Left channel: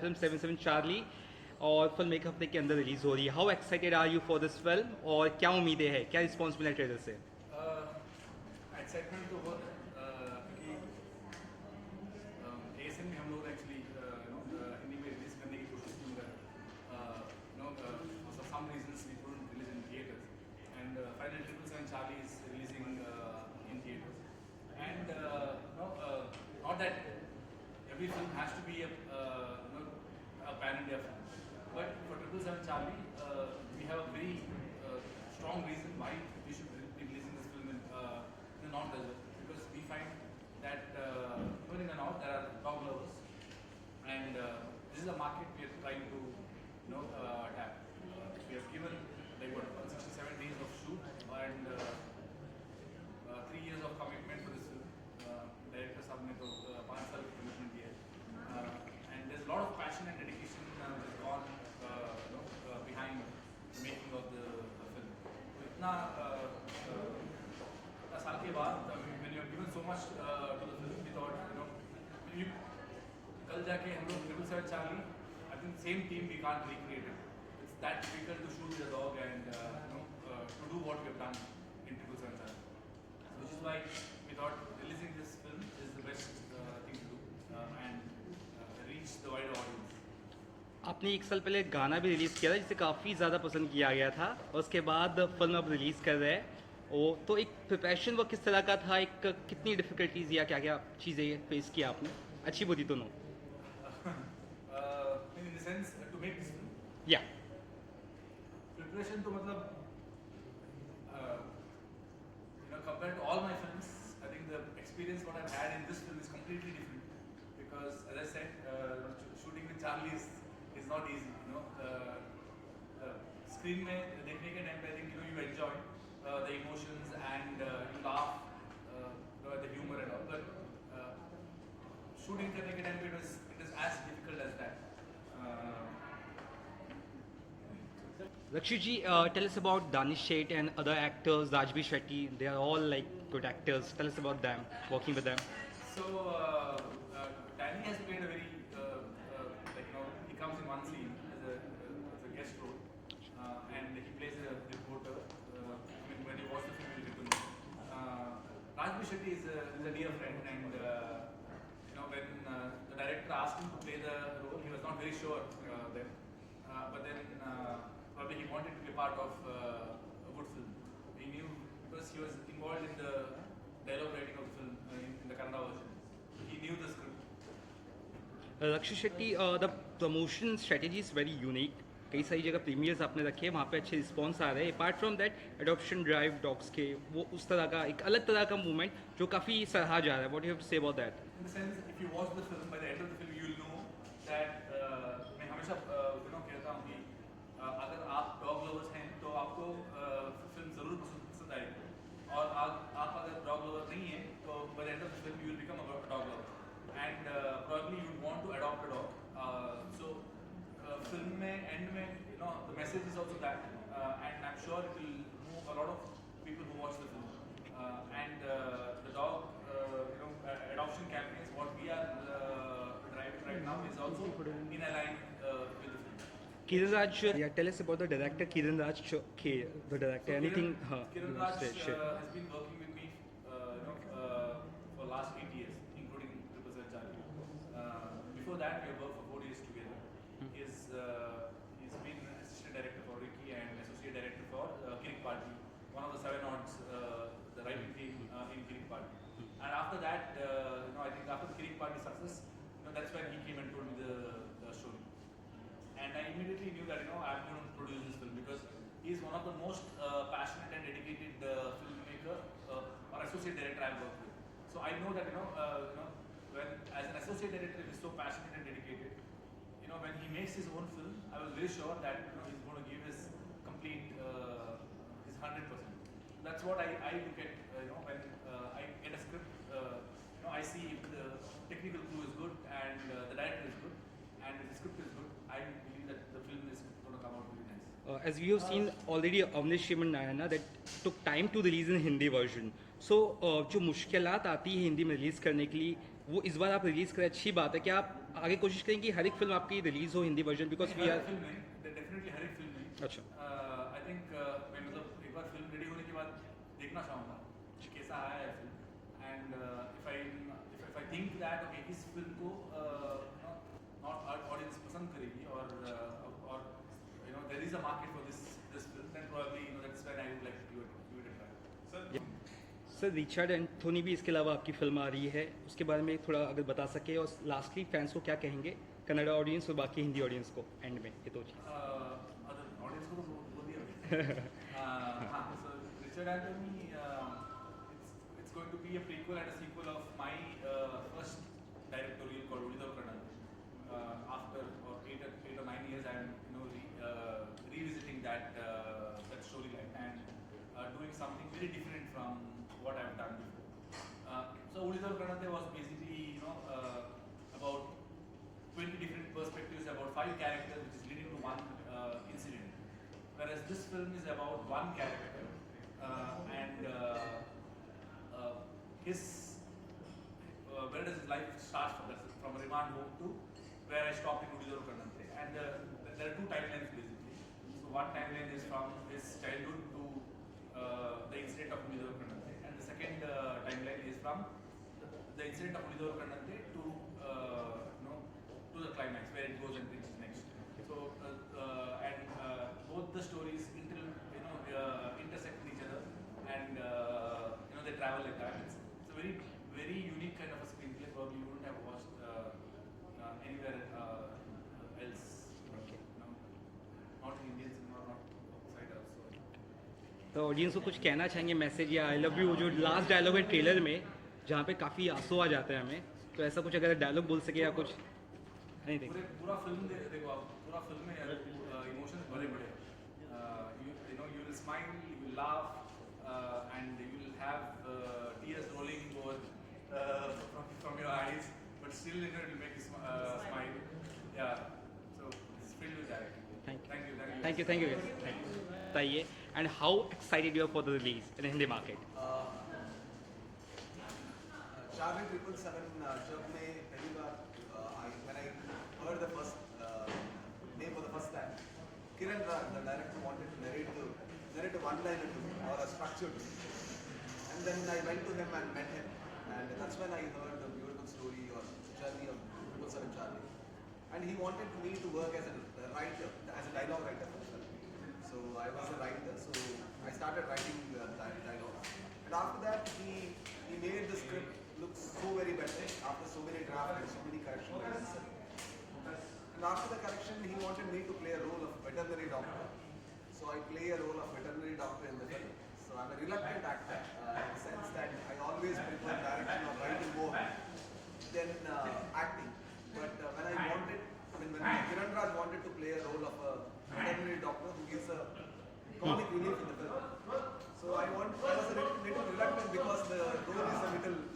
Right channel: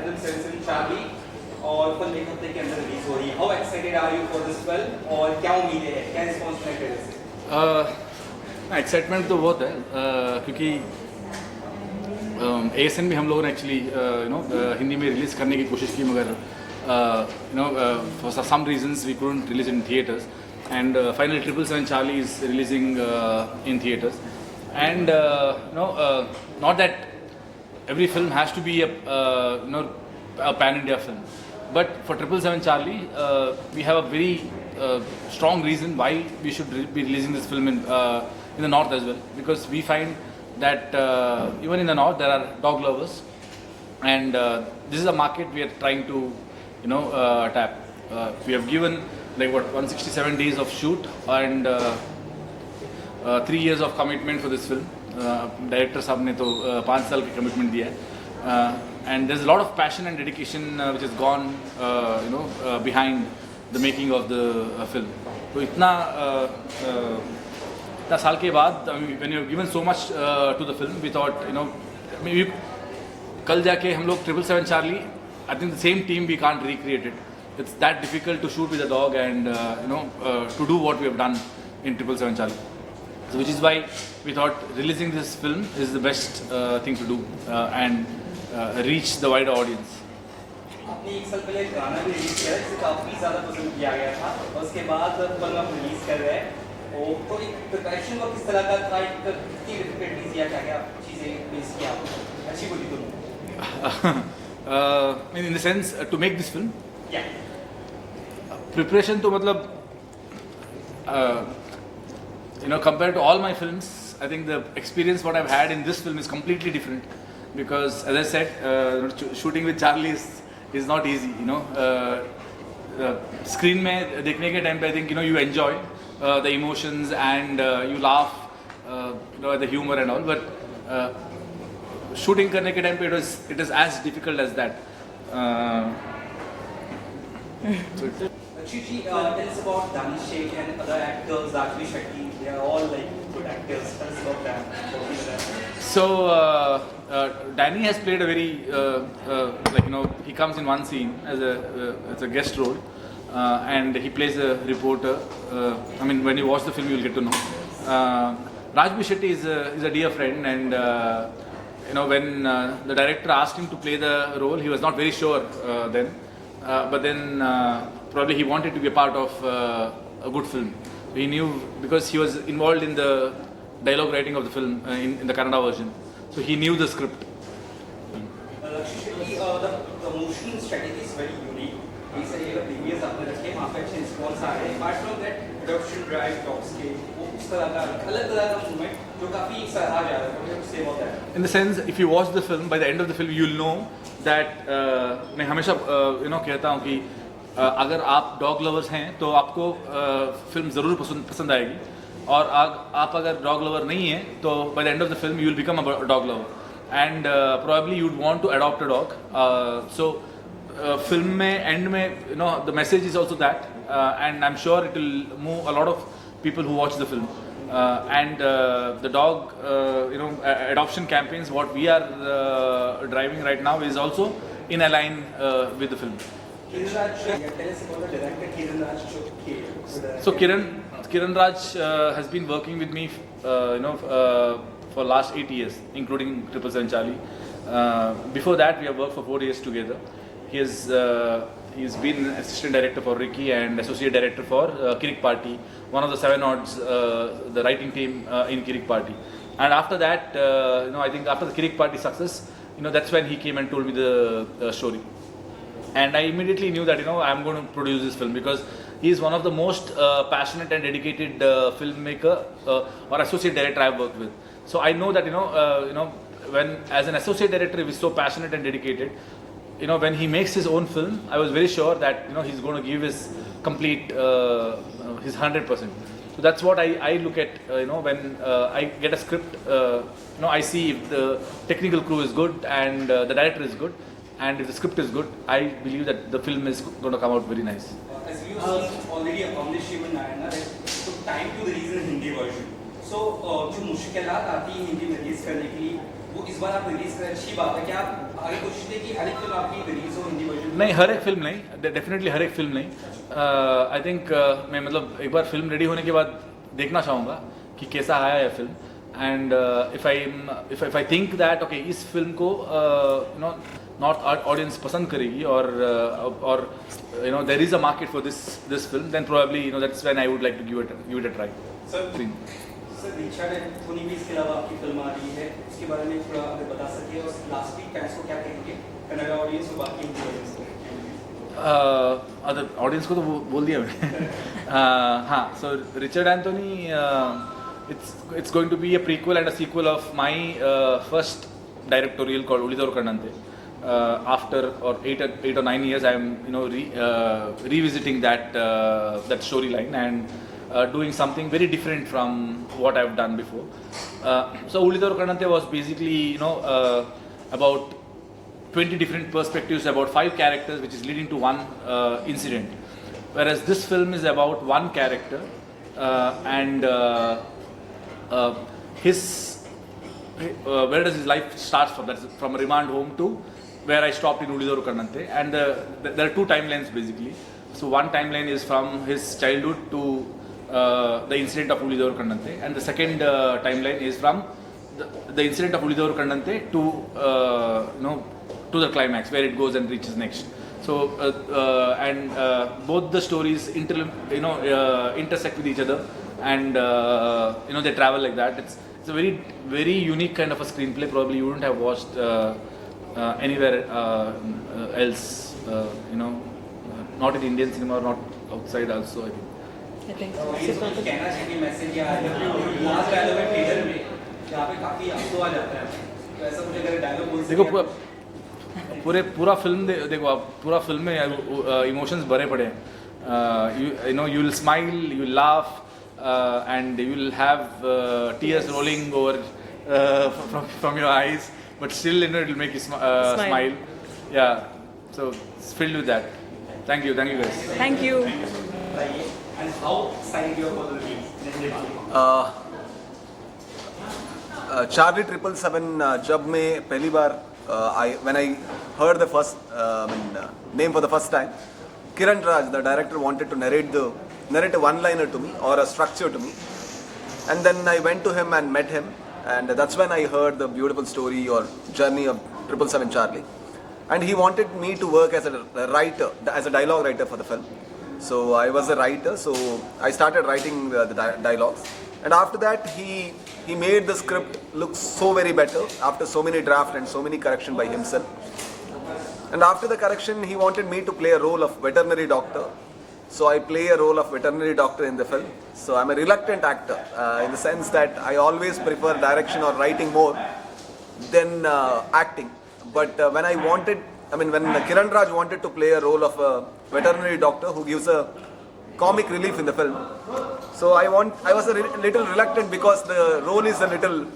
film 77 Charlie और film एक हफ्ते के अंदर रिलीज हो रही है. How excited are you for this film और क्या उम्मीदें हैं, क्या रिस्पॉन्स मिला ट्रेलर से? एक्साइटमेंट तो बहुत है क्योंकि ASN भी हम लोगों ने एक्चुअली हिंदी में रिलीज़ करने की कोशिश की मगर for some reasons we couldn't release in theatres and finally 777 Charlie is releasing in theaters and not that every film has to be a pan-India film, but for 777 Charlie we have a very strong reason why we should be releasing this film in the north as well, because we find that even in the north there are dog lovers and this is a market we are trying to tap. We have given 167 days of shoot and 3 years of commitment for this film. Director साहब ने तो 5 साल की commitment दिया है and there's a lot of passion and dedication which has gone behind the making of the film. तो इतना साल के बाद when you have given so much to the film, we thought maybe कल जाके हम लोग 777 Charlie, I think the same team we can't recreate it. It's that difficult to shoot with a dog and to do what we have done in 777 Charlie. So which is why we thought releasing this film is the best thing to do and reach the wider audience. आपने एक साल पहले गाना भी release किया जिसे काफी ज्यादा पसंद किया गया था और उसके बाद फिल्म आप रिलीज कर रहे हैं तो एक प्रिपरेशन वर्क किस तरह का था, एक कितनी डिफिकल्टीज या क्या चीजें फेस किया आपने, अच्छी बुरी दोनों? In the sense to make this film, yeah, preparation तो मतलब compared to all my films, I think the experience what I've had in this film is completely different because as I said shooting with Charlie is not easy. Screen में देखने के time पे I think you enjoy the emotions and you laugh at the humor and all, but shooting करने के time पे it is as difficult as that. Rakshit ji, tell us about Rakshit Shetty and other actors, Rakshit Shetty. They are all good actors. Tell us about them, working with them. So Danny has played a very he comes in one scene as a guest role and he plays a reporter. I mean, when you watch the film, you'll get to know. Rakshit Shetty is a dear friend, and when the director asked him to play the role, he was not very sure then. But then probably he wanted to be a part of a good film. He knew because he was involved in the dialogue writing of the film in the Kannada version, so he knew the script. Rakshit Shetty, the promotion strategy is very unique. कई सारी जगह premiers आपने रखे हैं, वहाँ पे अच्छे response आ रहे हैं. Apart from that, adoption drive, dogs के वो उस तरह का अलग तरह का मूवमेंट जो काफी सराहा जा रहा है. What do you have to say about that? In the sense, if you watch the film, by the end of the film, you'll know that मैं हमेशा कहता हूँ कि अगर आप dog lovers हैं तो आपको फिल्म ज़रूर पसंद आएगी और आप अगर dog lover नहीं हैं तो by the end of the film you will become a dog lover and probably you'd want to adopt a dog. So film में end में the message is also that and I'm sure it will move a lot of people who watch the film and the dog adoption campaigns what we are driving right now is also in align with the film. Kiran Raj, tell us about the director Kiran Raj. So Kiran Raj has been working with me for last 8 years, including 777 Charlie. Before that we have worked for 4 years together. He's been assistant director for Ricky and associate director for Kirik Party, one of the 7 odds, the writing team in Kirik Party. And after that, I think after the Kirik Party success, that's when he came and told me the story. And I immediately knew that I'm going to produce this film because he is one of the most passionate and dedicated filmmaker or associate director I've worked with. So I know that when as an associate director he is so passionate and dedicated. When he makes his own film, I was very sure that he's going to give his complete his 100%. So that's what I look at. When I get a script, I see if the technical crew is good and the director is good, and if the script is good, I believe that the film is going to come out very nice. As you've seen already accomplished human Nayana, that took time to release in Hindi version. So जो मुश्किलात आती है हिंदी में release करने की वो इस बार आप रिलीज करें, अच्छी बात है कि आप आगे कोशिश है कि हर एक फिल्म आपकी रिलीज हो हिंदी वर्जन? नहीं, हर एक फिल्म नहीं, डेफिनेटली हर एक फिल्म नहीं। आई थिंक मैं मतलब एक बार फिल्म रेडी होने के बाद देखना चाहूँगा कि कैसा आया है film, and if I think that okay इस फिल्म को नॉर्थ ऑडियंस पसंद करेगी और there is a market for this film, then probably that's when I would like to give it a try. Sir Richard Anthony भी इसके अलावा आपकी film आ रही है, उसके बारे में थोड़ा अगर बता सके, और लास्टली फैंस को क्या कहेंगे, कन्नड़ा ऑडियंस और बाकी हिंदी ऑडियंस को? अदर ऑडियंस को तो बोल दिया मैंने। हाँ, so Richard Anthony, it's going to be a prequel and a sequel of my first directorial called Ulidaru Kannante. After 8 or 9 years, I am revisiting that storyline and doing something very different from what I've done before. So Ulidaru Kannante was basically about 20 different perspectives about 5 characters, which is leading to one incident. Whereas this film is about one character and where does his life starts from? That's from a remand home to where I stopped in Ulidaru Kannante, and there are 2 timelines basically. So one timeline is from his childhood to the incident of Ulidaru Kannante, and the second timeline is from the incident of Ulidaru Kannante to to the climax where it goes and reaches next. So both the stories intersect with each other, and they travel like that. It's a very very unique kind of a screenplay. Probably you wouldn't have watched anywhere else. Not in Indian cinema or not outside also. I think. Audience को कुछ कहना चाहिए, message या last dialogue है trailer में जहाँ पे काफी आंसू आ जाते हैं, तो ऐसा मुझे अगर डायलॉग बोल सके। देखो पूरा फिल्म देखो आप, पूरा फिल्म में इमोशंस भरे पड़े हैं। you will smile, you will laugh, and you will have tears rolling over from your eyes, but still it will make you smile. Yeah, so it's filled with that. Thank you guys. Thank you. And how excited you are for the release? Charlie 777 जब मैं पहली बार when I heard the first name for the first time, Kiran Raj, the director, wanted to narrate a one-liner to me or a structure to me, and then I went to him and met him, and that's when I heard the beautiful story or journey of 777 Charlie, and he wanted me to work as a writer, as a dialogue writer for the film. So I was a writer, so I started writing the dialogues, and after that he made the script look so very better after so many drafts and so many correction by himself. And after the correction, he wanted me to play a role of veterinary doctor. So I play a role of veterinary doctor in the film. So I'm a reluctant actor in the sense that I always prefer direction or writing more than acting. But when Kiran Raj wanted to play a role of a veterinary doctor who gives a comic relief in the film, so I was a little reluctant because the role is a little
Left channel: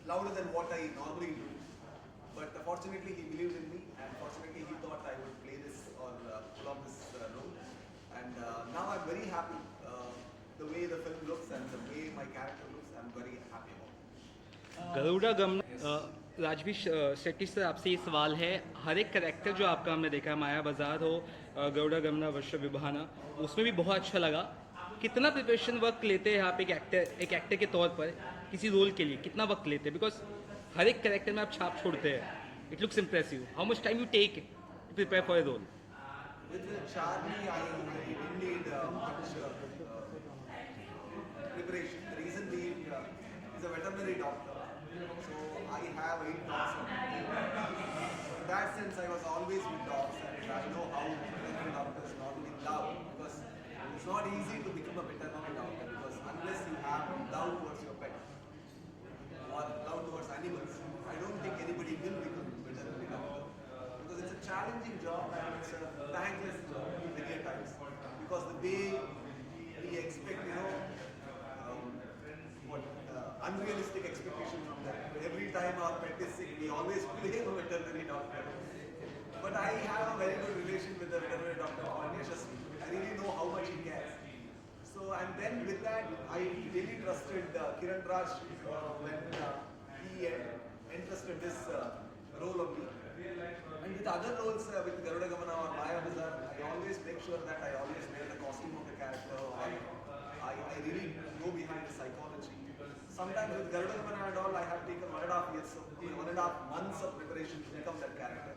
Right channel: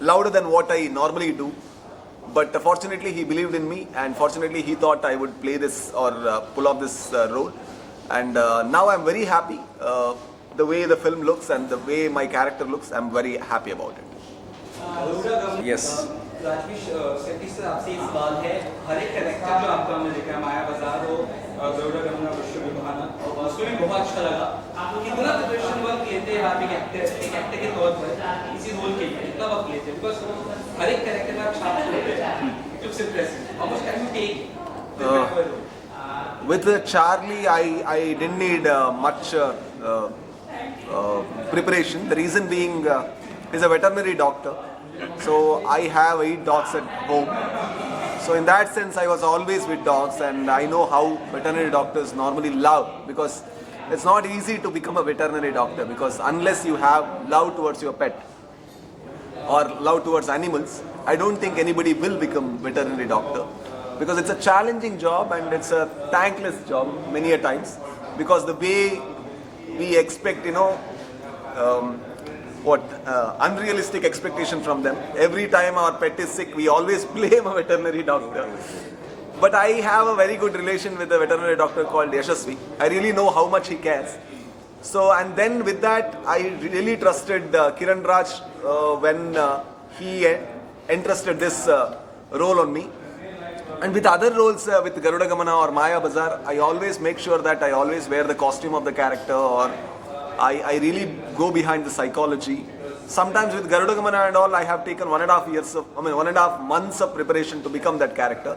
louder than what I normally do. But fortunately he believed in me, and fortunately he thought I would play this or pull off this role. And now I'm very happy. The way the film looks and the way my character looks, I'm very happy about it. Yes. Rajveer Shetty से आपसे ये सवाल है, हर एक character जो आपका हमने देखा, माया बाजार हो, गौरव गंगा, विश्व विभाना, उसमें भी बहुत अच्छा लगा। कितना प्रिपरेशन वर्क लेते हैं आप एक एक्टर के तौर पर इसी रोल के लिए, कितना वक्त लेते हैं? बिकॉज हर एक कैरेक्टर में आप छाप होते हैं, it looks impressive. How much time you take? With Charlie, I didn't need much preparation. The reason being, he's a veterinary doctor. So I have 8 dogs at home. So in that sense, I was always with dogs, and I know how veterinary doctors normally love, because it's not easy to become a veterinary doctor, because unless you have love towards your pet or love towards animals, I don't think anybody will become veterinary doctor, because it's a challenging job and it's a thankless job many a times, because the way we expect, unrealistic expectation from them. Every time our pet is sick, we always blame a veterinary doctor. But I have a very good relation with a veterinary doctor called Yashasvi. I really know how much he cares. So, and then with that, I really trusted Kiran Raj when he entrusted this role on me. And with other roles, with Garuda Gamana or Maya Bazaar, I always make sure that I always wear the costume of the character, or I really go behind the psychology. Sometimes with Garuda Gamana and all, I have taken 1.5 years of, 1.5 months of preparation to become that character.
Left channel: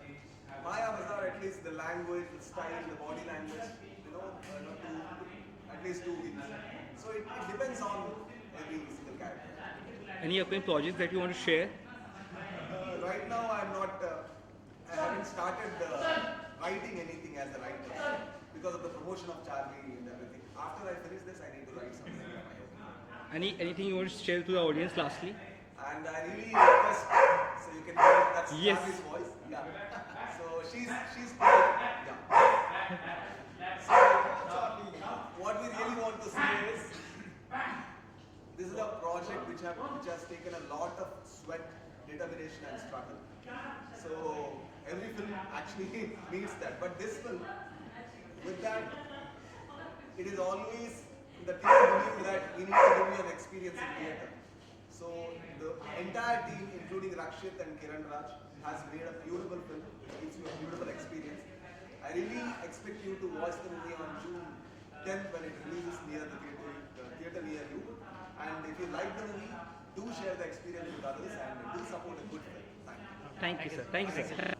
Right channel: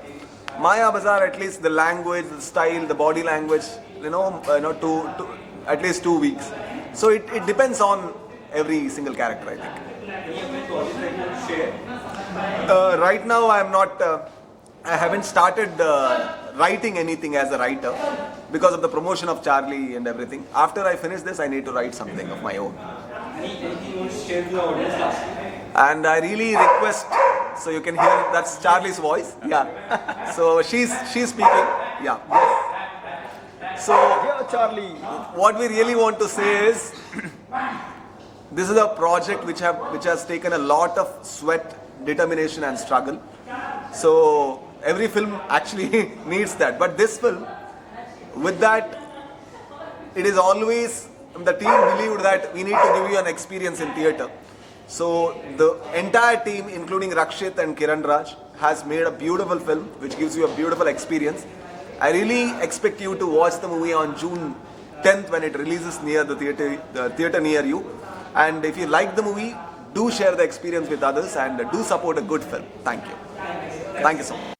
Maya Bazaar, at least the language, the style, the body language, to at least 2 weeks. So it depends on every single character, I think. Any other projects that you want to share? Right now, I haven't started writing anything as a writer because of the promotion of Charlie and everything. After I finish this, I need to write something of my own. Anything you want to share with the audience lastly? And I really request, so you can hear that's Charlie's voice. Yeah. So she's speaking. Yeah. So Charlie, what we really want to say is, this is a project which has taken a lot of sweat, determination, and struggle. So every film actually needs that. But this film, with that, it is always, the team believed that we need to give you an experience in theatre. So the entire team, including Rakshit and Kiran Raj, has made a beautiful film which gives you a beautiful experience. I really expect you to watch the movie on June 10th when it releases near the theatre near you. And if you like the movie, do share the experience with others and do support a good film. Thank you. Thank you so much.